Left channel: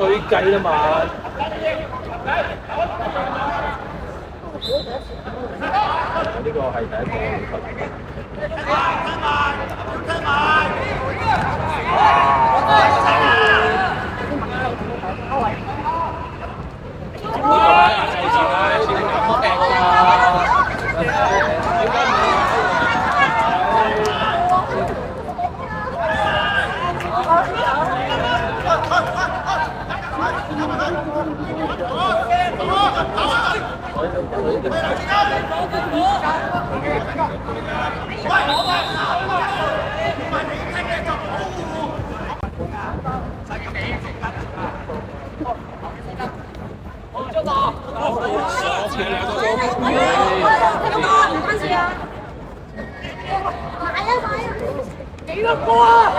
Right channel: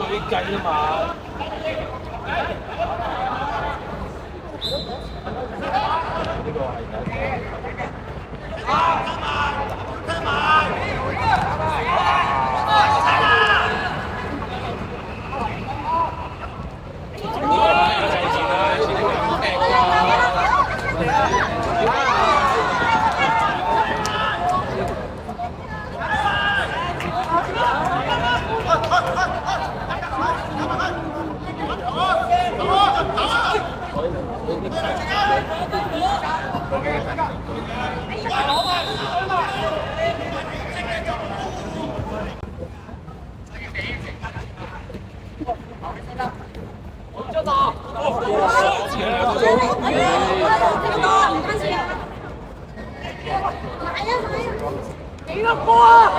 吹雞啊嘛！呢個係第一個。幾個波啊！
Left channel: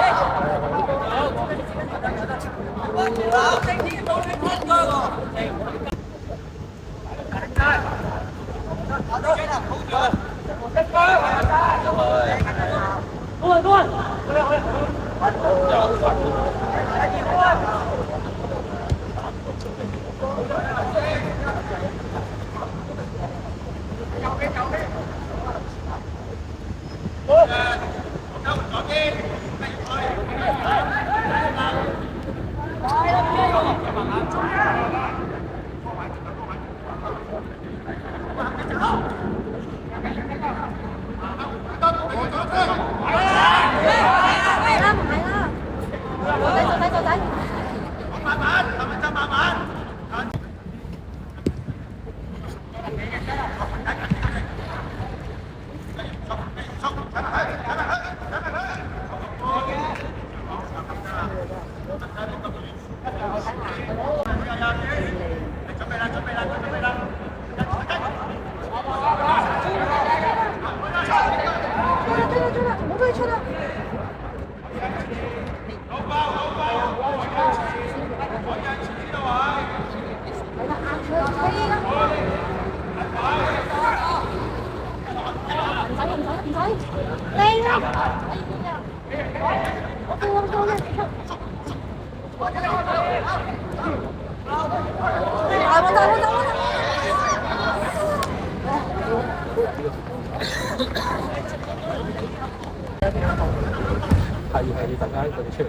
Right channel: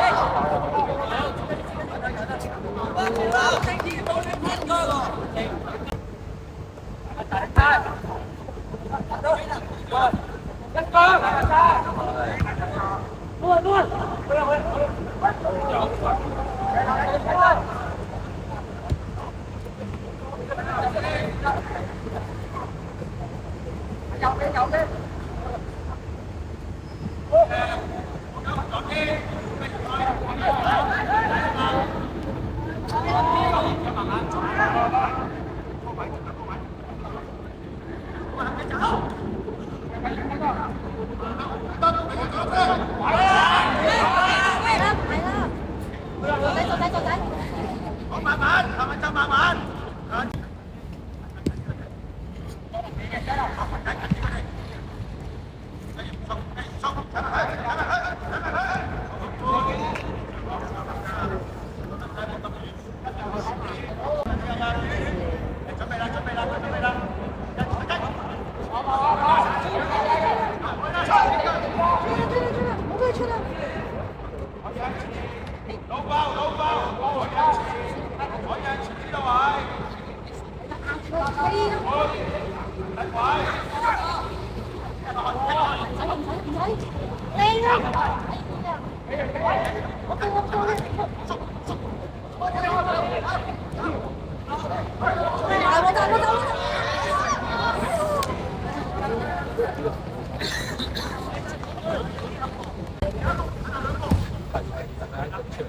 係大家一定出嚟。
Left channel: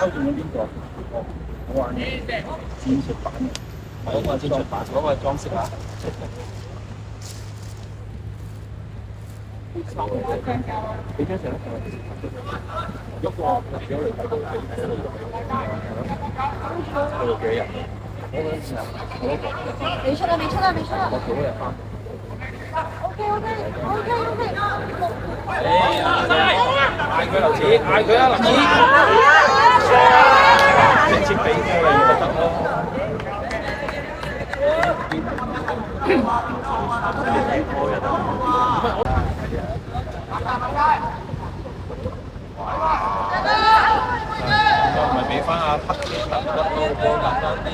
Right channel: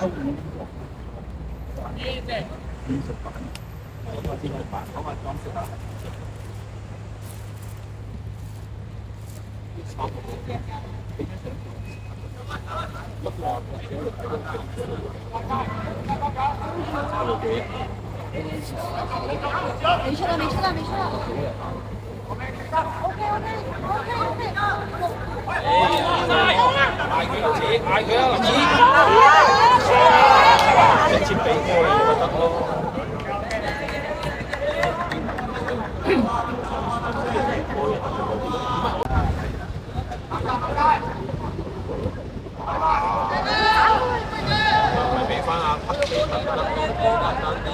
收住邊個？我話你戰術版，嗰個戰術版嗰個裝飾畫。幾張相？喐過，俾我哋睇到係幾日？我嗰陣時候，未出啊！未出啊！未出啊！我幾日翻？嗌佢劉子，嗌佢啊劉子！直接俾過嚟，我覺得。咪俾翻阿黑記得到簡單啲。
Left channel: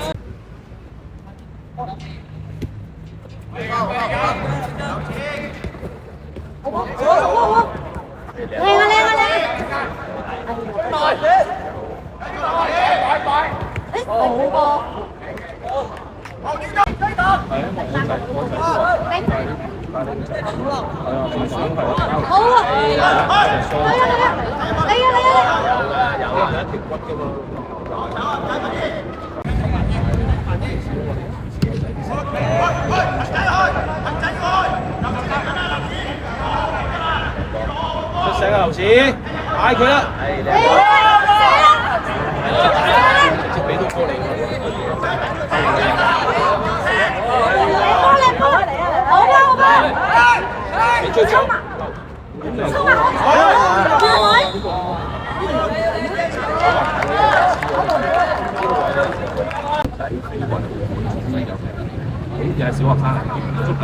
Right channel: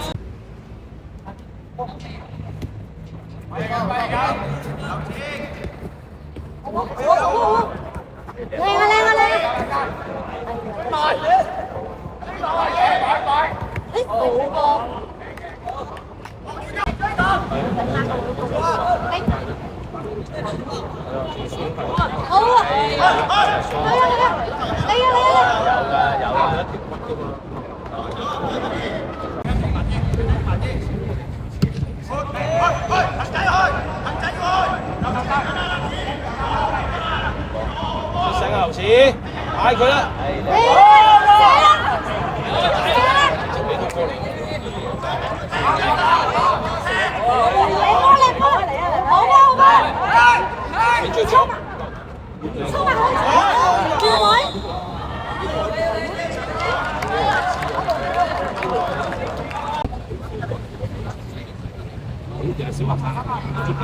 出聲啊劉子，嗌佢啦！直俾到過嚟。你追走。好似係小學生足球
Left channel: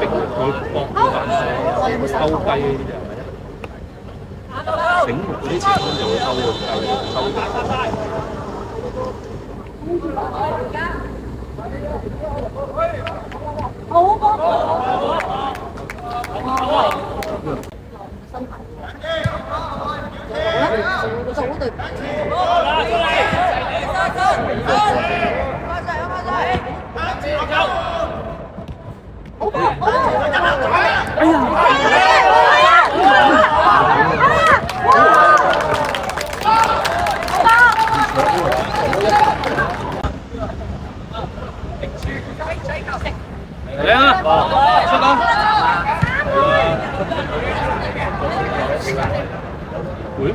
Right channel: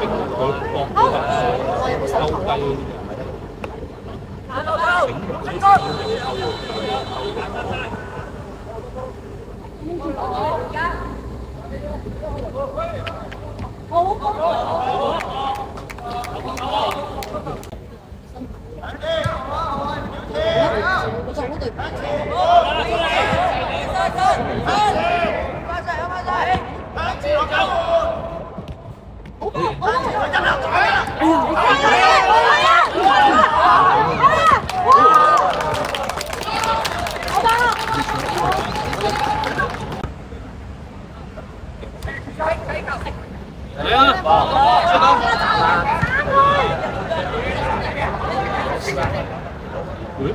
逼佢搏佢彈射偷雞呢啲就醒目啲前鋒就會偷嚟啊！出到！會？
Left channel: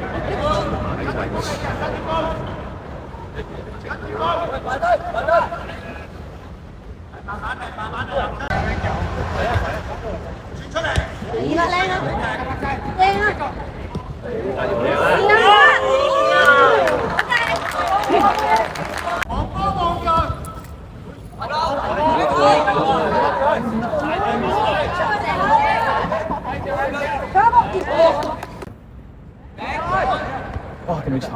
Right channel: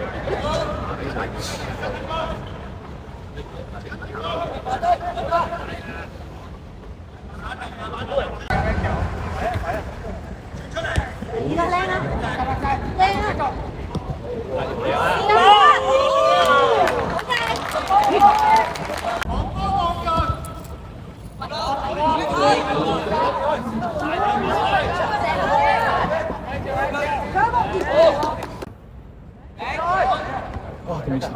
哇！點樣炒？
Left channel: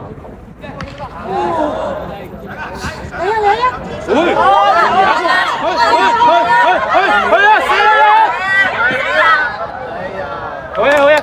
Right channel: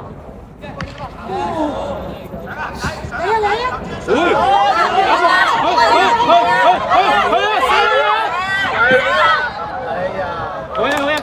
嚟啊！去啊！好呀！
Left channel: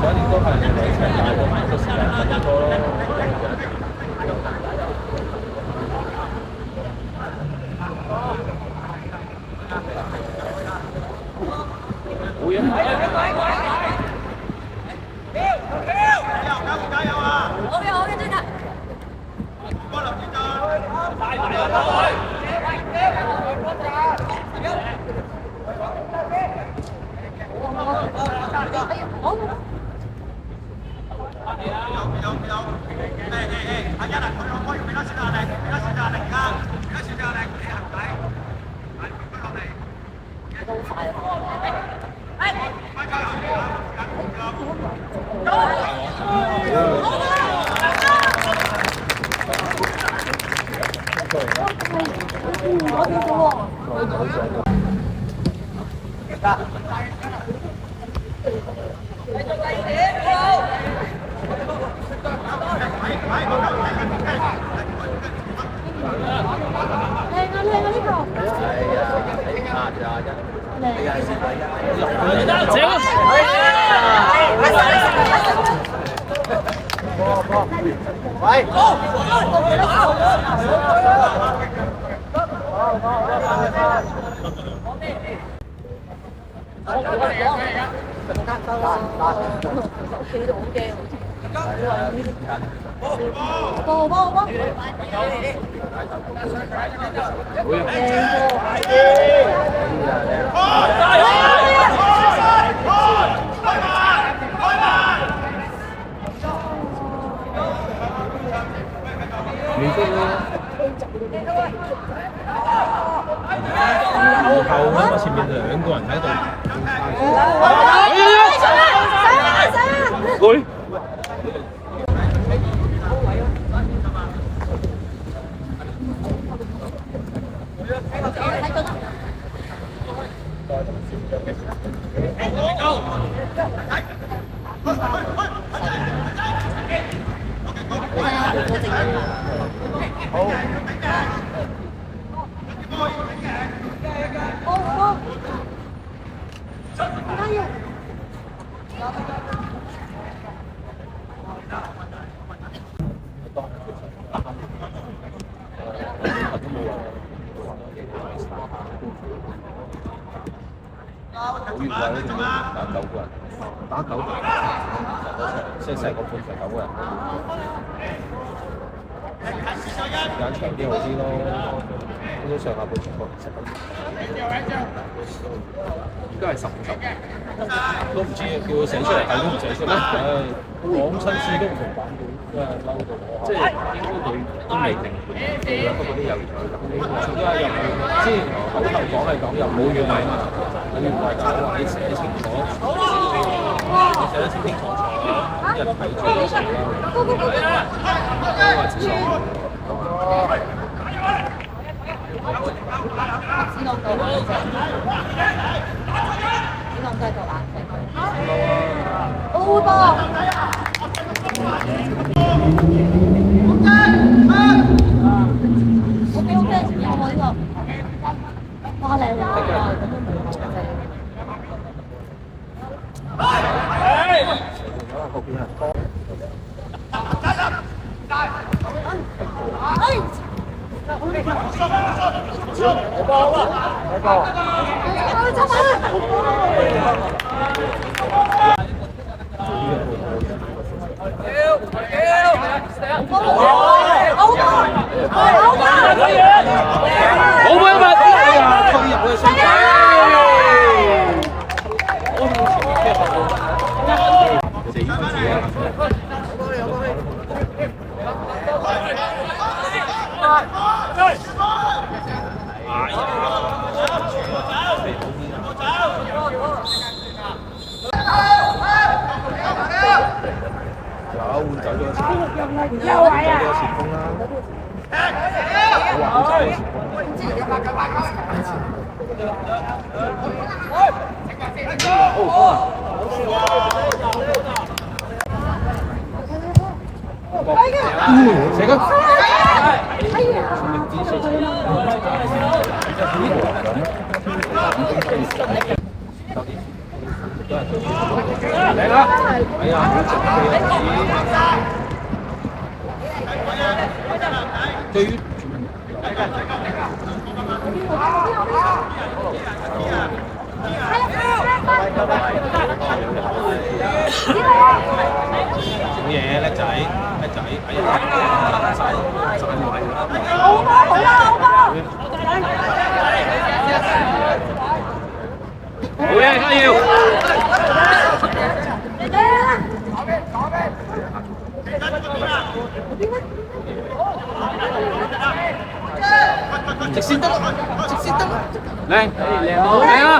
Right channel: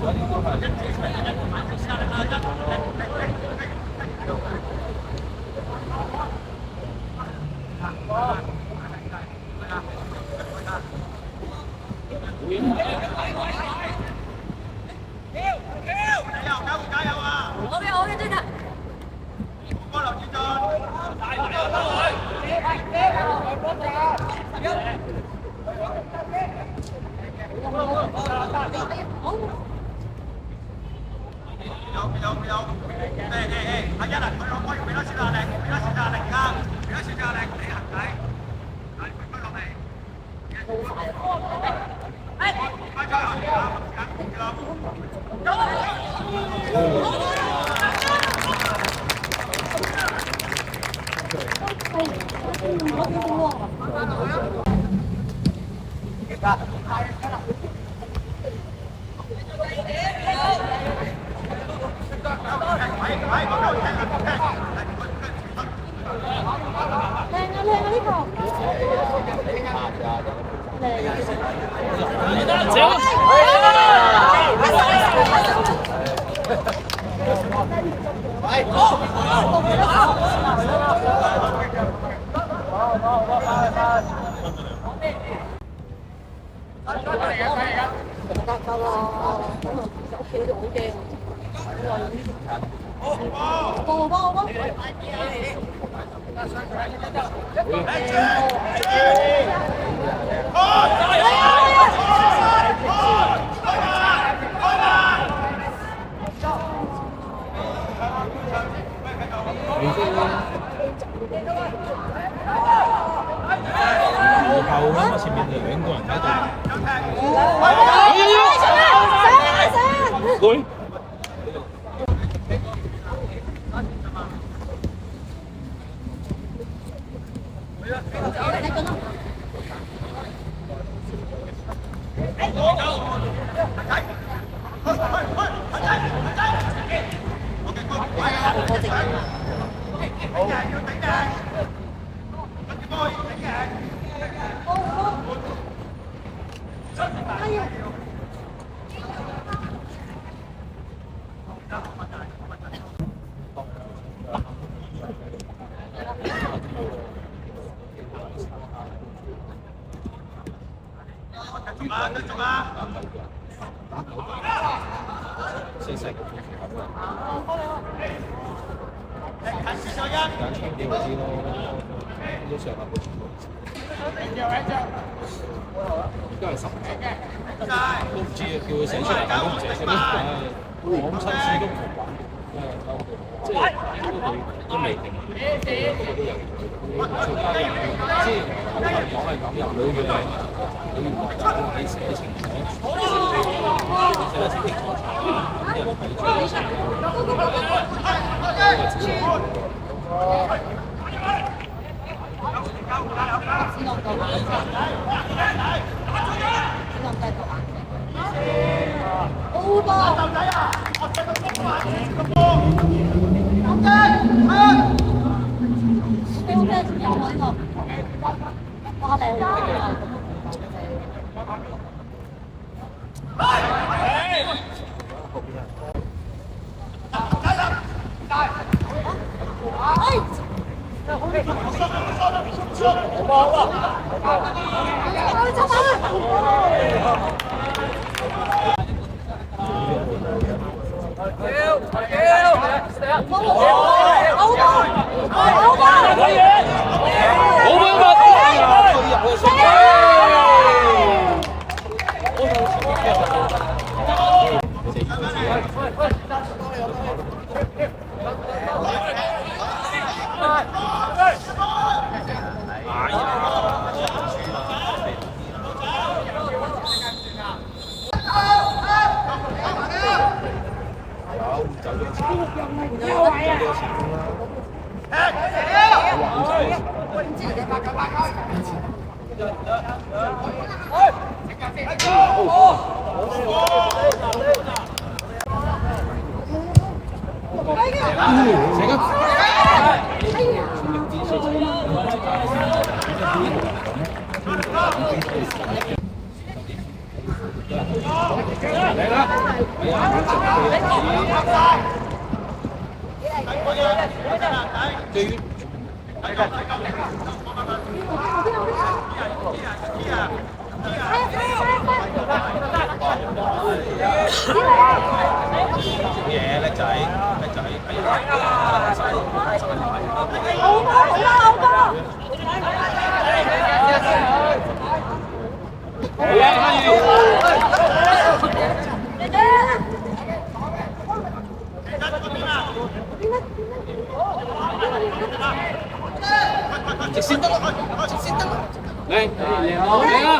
想你多看点，冇嘢。好嘅，好嘅，追得。後喺我前面兩個人喺度。會。打9個，細細個半成9個人。揀長啲嗰啲咯，都上下半場波。應該係15球，都唔知叫佢寫出嚟，但都唔寫出嚟。講親書都唔明白，即係應該佢都未定盤，不過都有言佢咁。仲加又即係口頭講又冇語例，冇語例就話你寫清楚，你寫得清清楚楚，啲人睇住都寫。係啊，好直對於好嘢，叻仔，叻仔，係啊，晒晒位。好嘢，加油！直線得，直線得，靚，靚好，靚啊！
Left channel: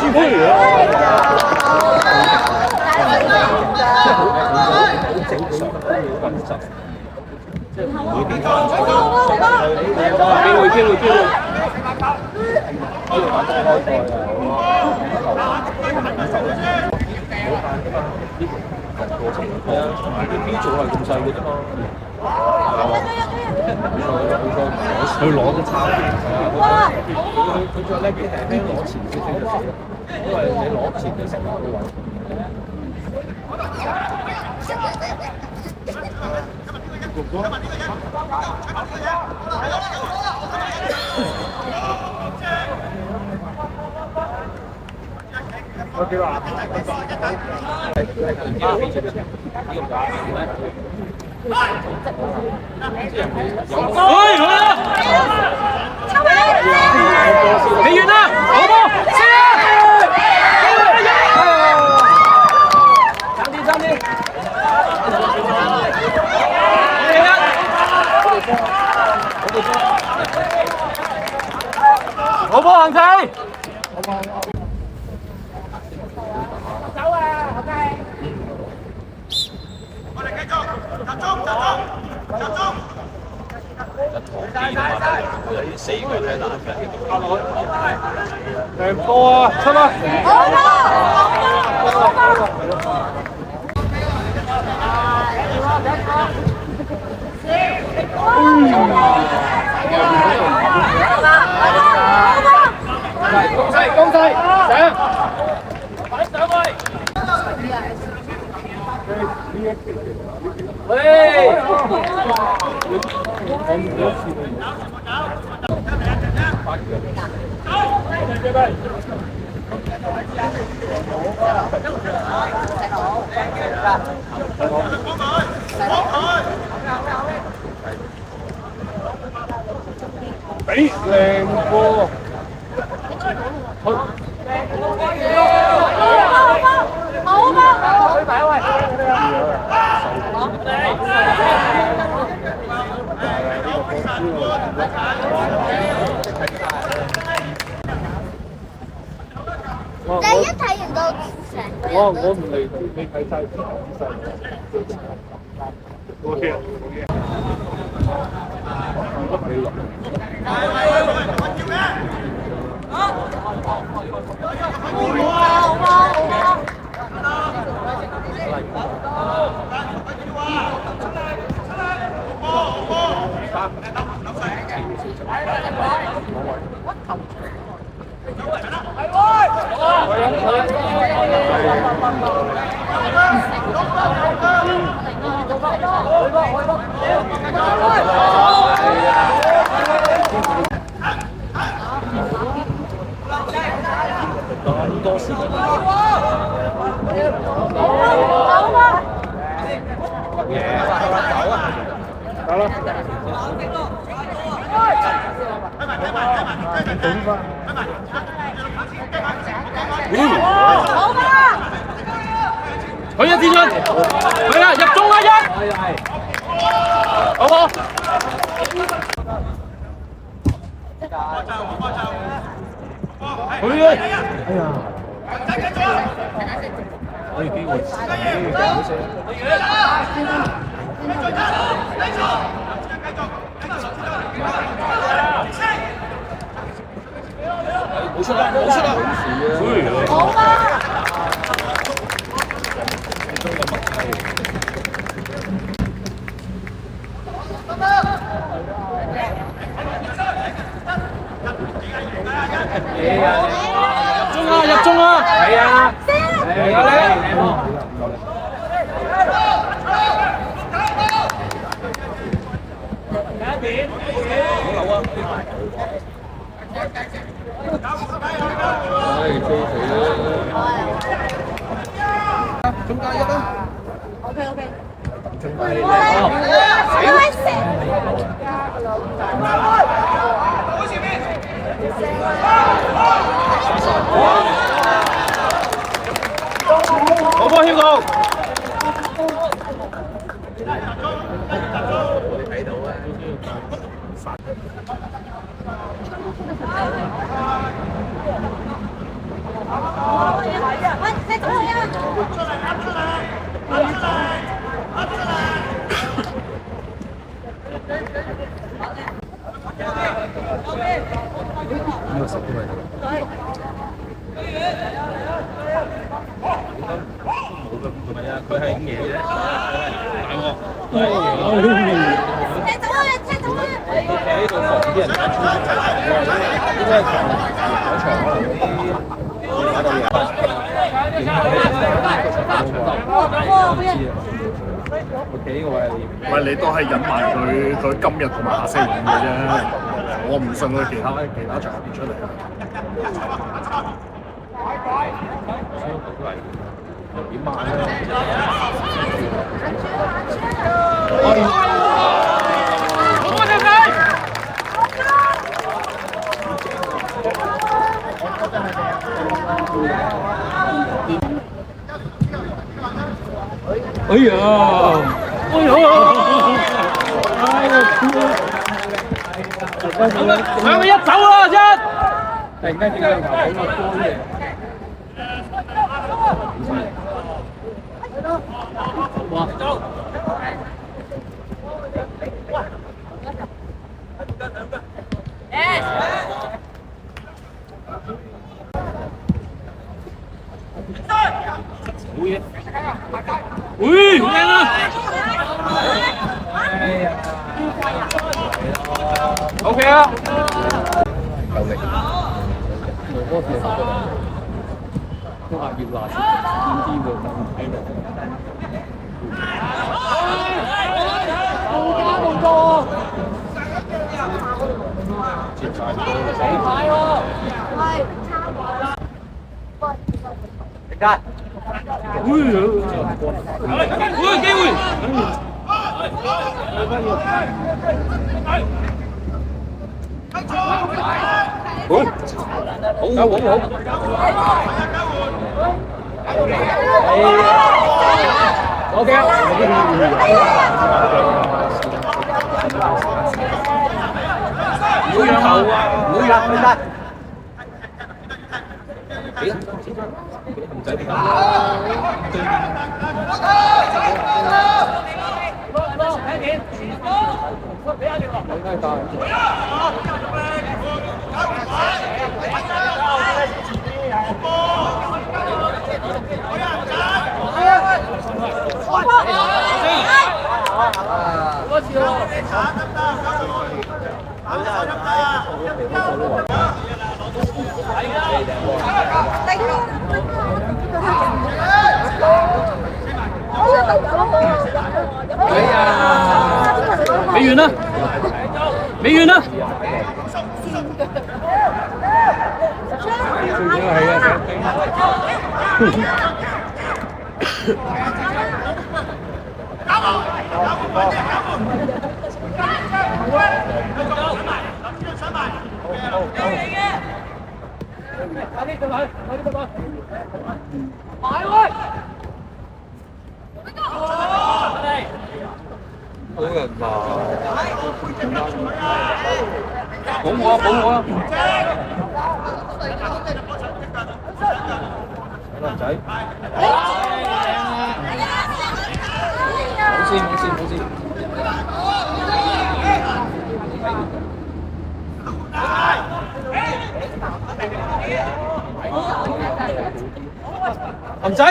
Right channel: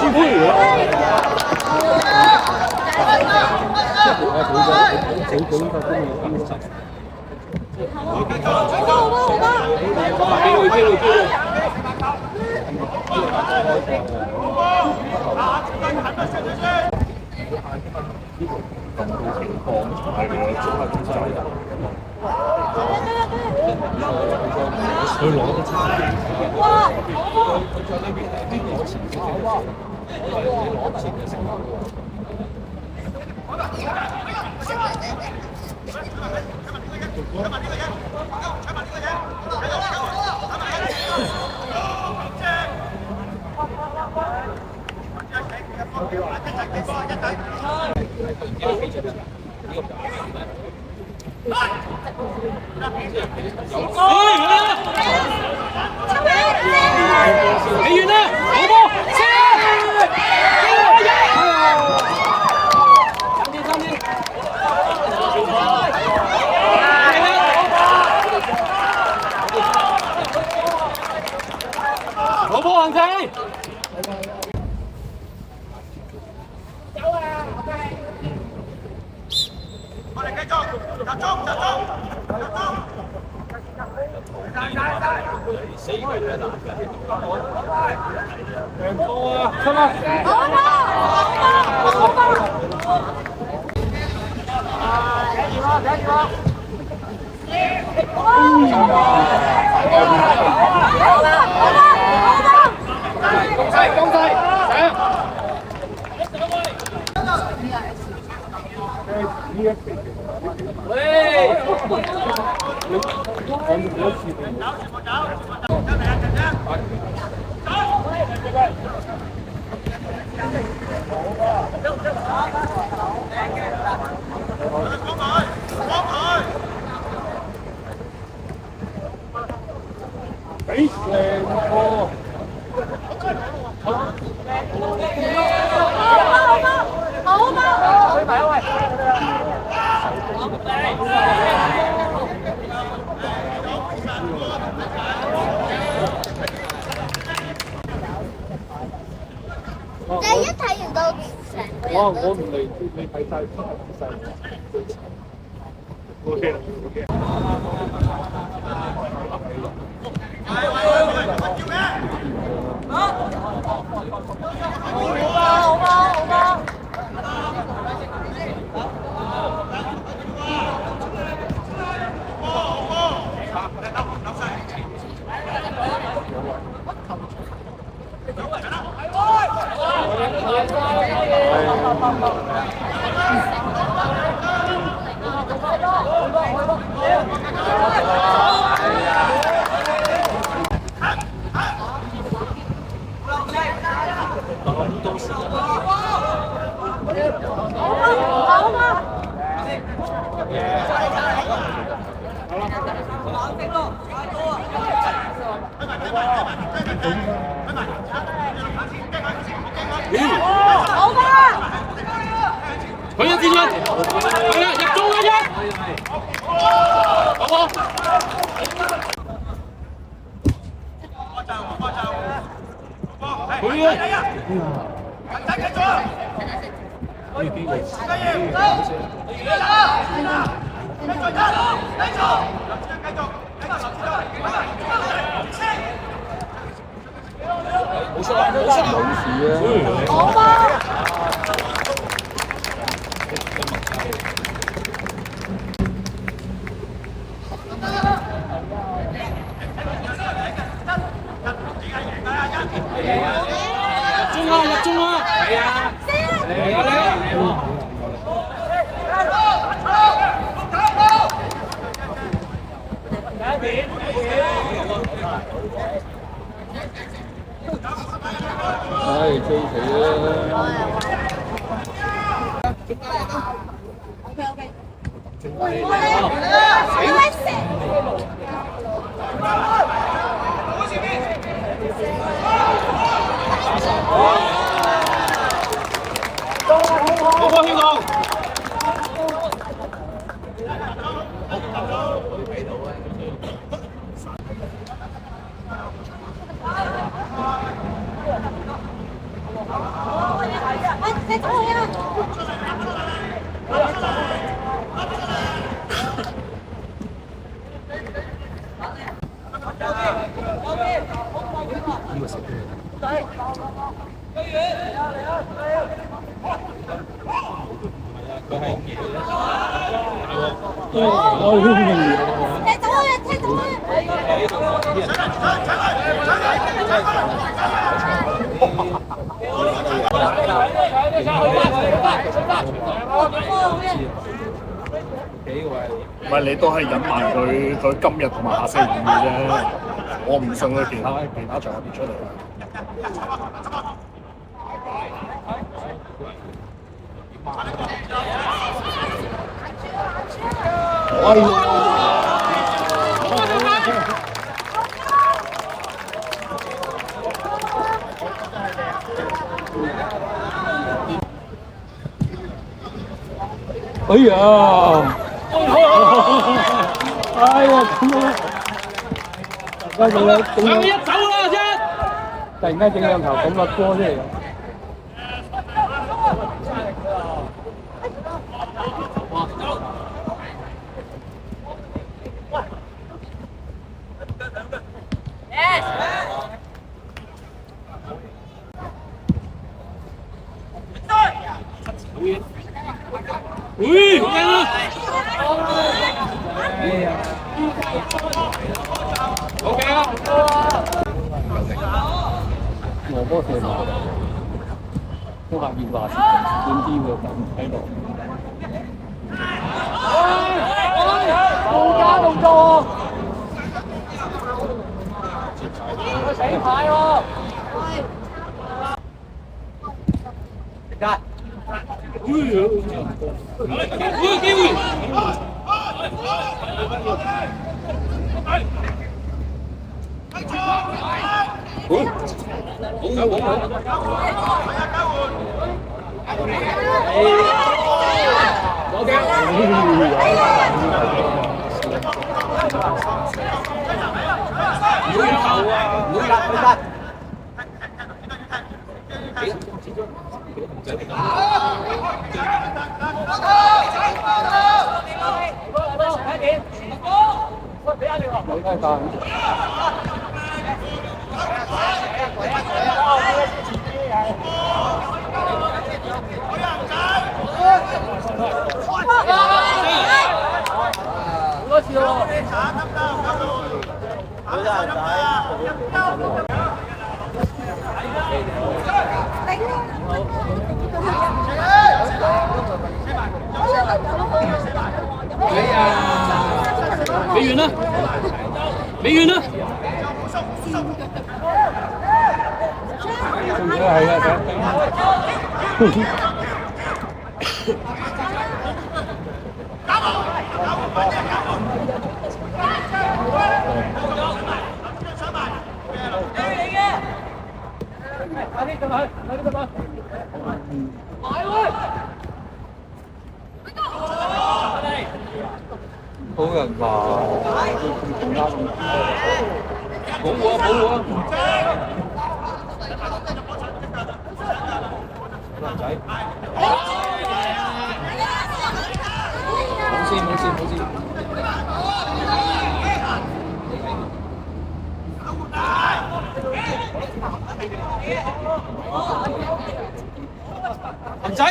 朱佩如佢攞得差，佢再叻啲輕輕攞前少少就成，因為你攞前就成功嘅話。你遠啦，好波，爭啲，爭啲，好波行企。兩波啊，出啦！攻勢，俾靚波，推埋一位。你一睇完到成個人都。我唔嚟，你睇晒姿勢。冇嘢，冇嘢。多時間。佢一支槍，係啊，入中啦一，好冇？佢啊！哎呀，可以機會，好聲。冇出啦！冇出啦！好事啊！你都有默契。中啊！入中啊！係啊！係啊！唉，追佢啦！中間一啦 OK。我幫謙哥。佢係嘢啫，大喂，你都係隱瞞佢今日同埋下星期五嘅啫，我唔信佢其他場合出嚟。哎呀！哎呀！兩個一走啦，一！突然間整兩球咁個波出嚟。喂，好靚啊 ！OK 啊！我嗰時都話要話點啲喎，咁喺度。冇加動作。死牌喎！停架！喂，機會！未完啦，未完啦。好人話。保護啊！保護啊！仔，冇事。銀仔，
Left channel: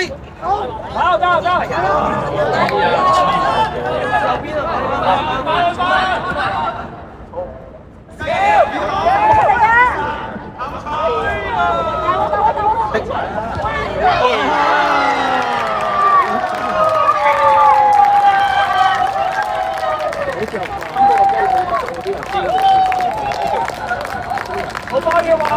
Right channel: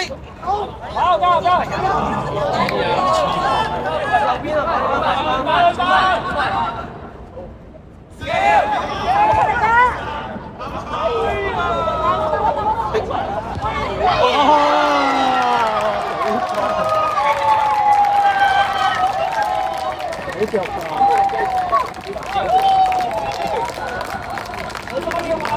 好多嘢話。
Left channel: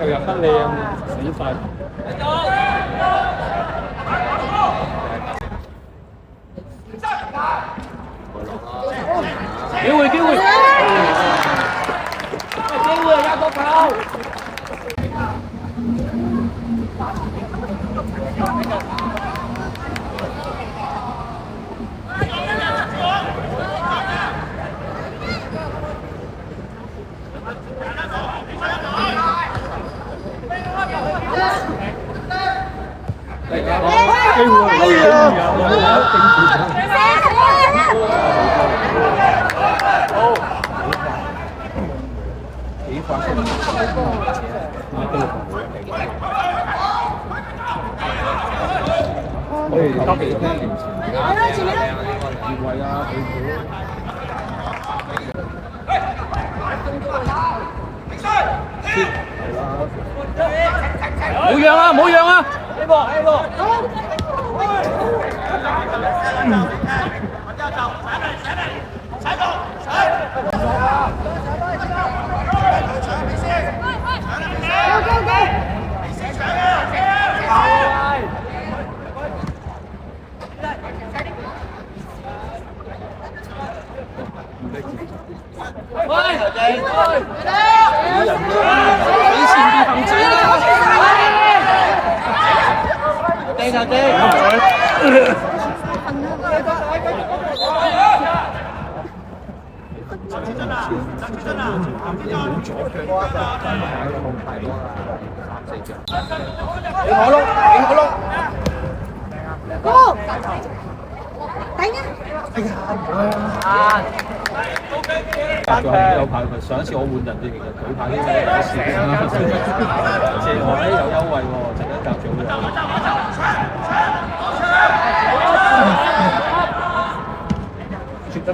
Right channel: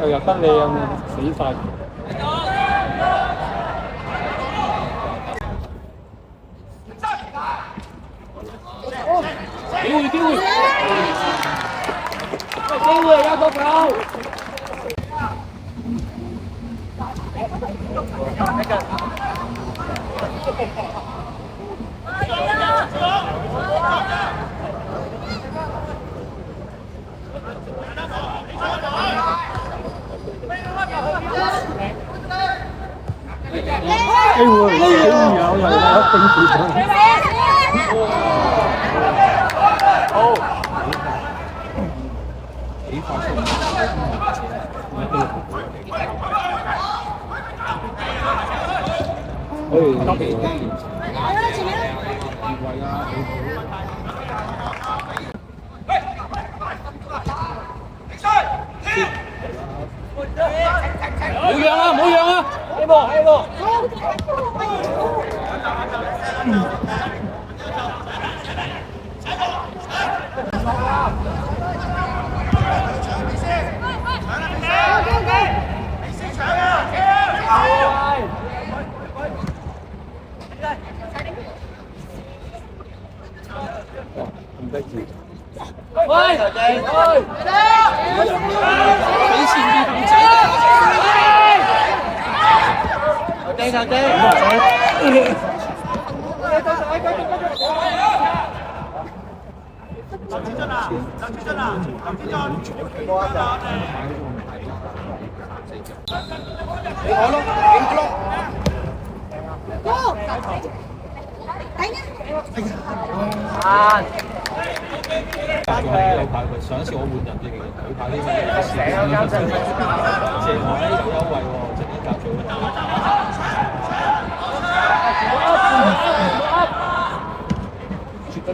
又入得靚，死快！機會！機會有個球！機會好，幾快速！可以急幾聽。冇讓啊！呢個。喂，頭仔，俾前面紅仔啦！頭仔，上一次我換人哋佢派呢個時間啦，謝學呢有優惠喎，陣間教住絕對。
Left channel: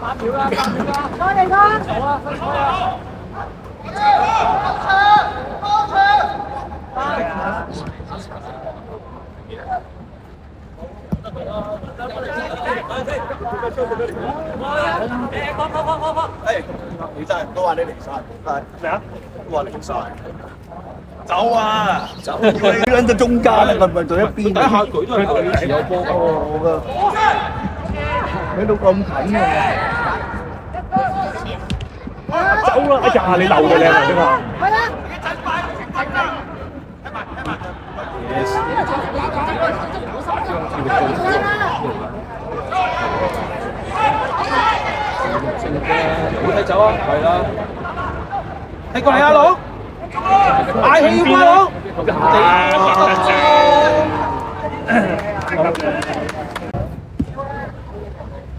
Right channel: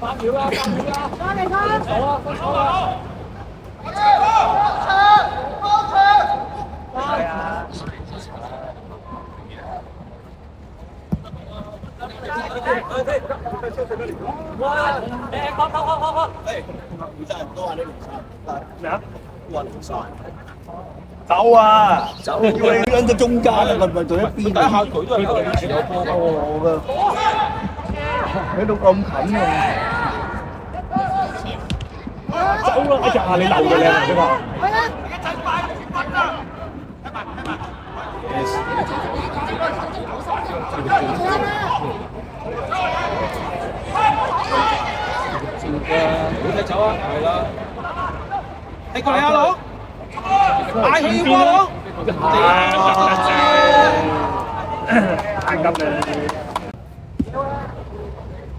8秒啦！多謝哥。好啊！係啊。你真係都話你離晒，咩啊？都話離晒，走啊！走！你喺到中間啊，咪到一邊啊？佢都係我㗎，喺到咁近啊！走啦！哎呀，你漏嘅靚啊，呢個。好睇走啊，係啦，踢過嚟啊，佬，大氣要翻佬，太急啦！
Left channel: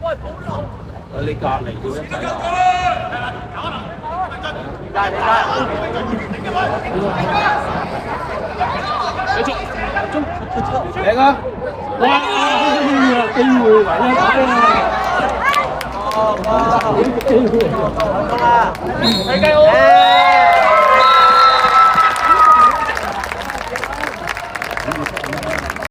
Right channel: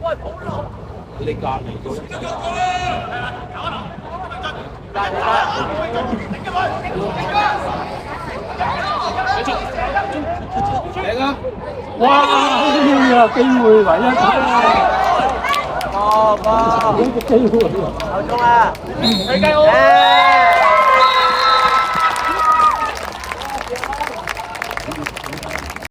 喂，保羅，你隔離嘅啫。嚟啊！哇！機會唯一啊！機會，好中啊！你計好。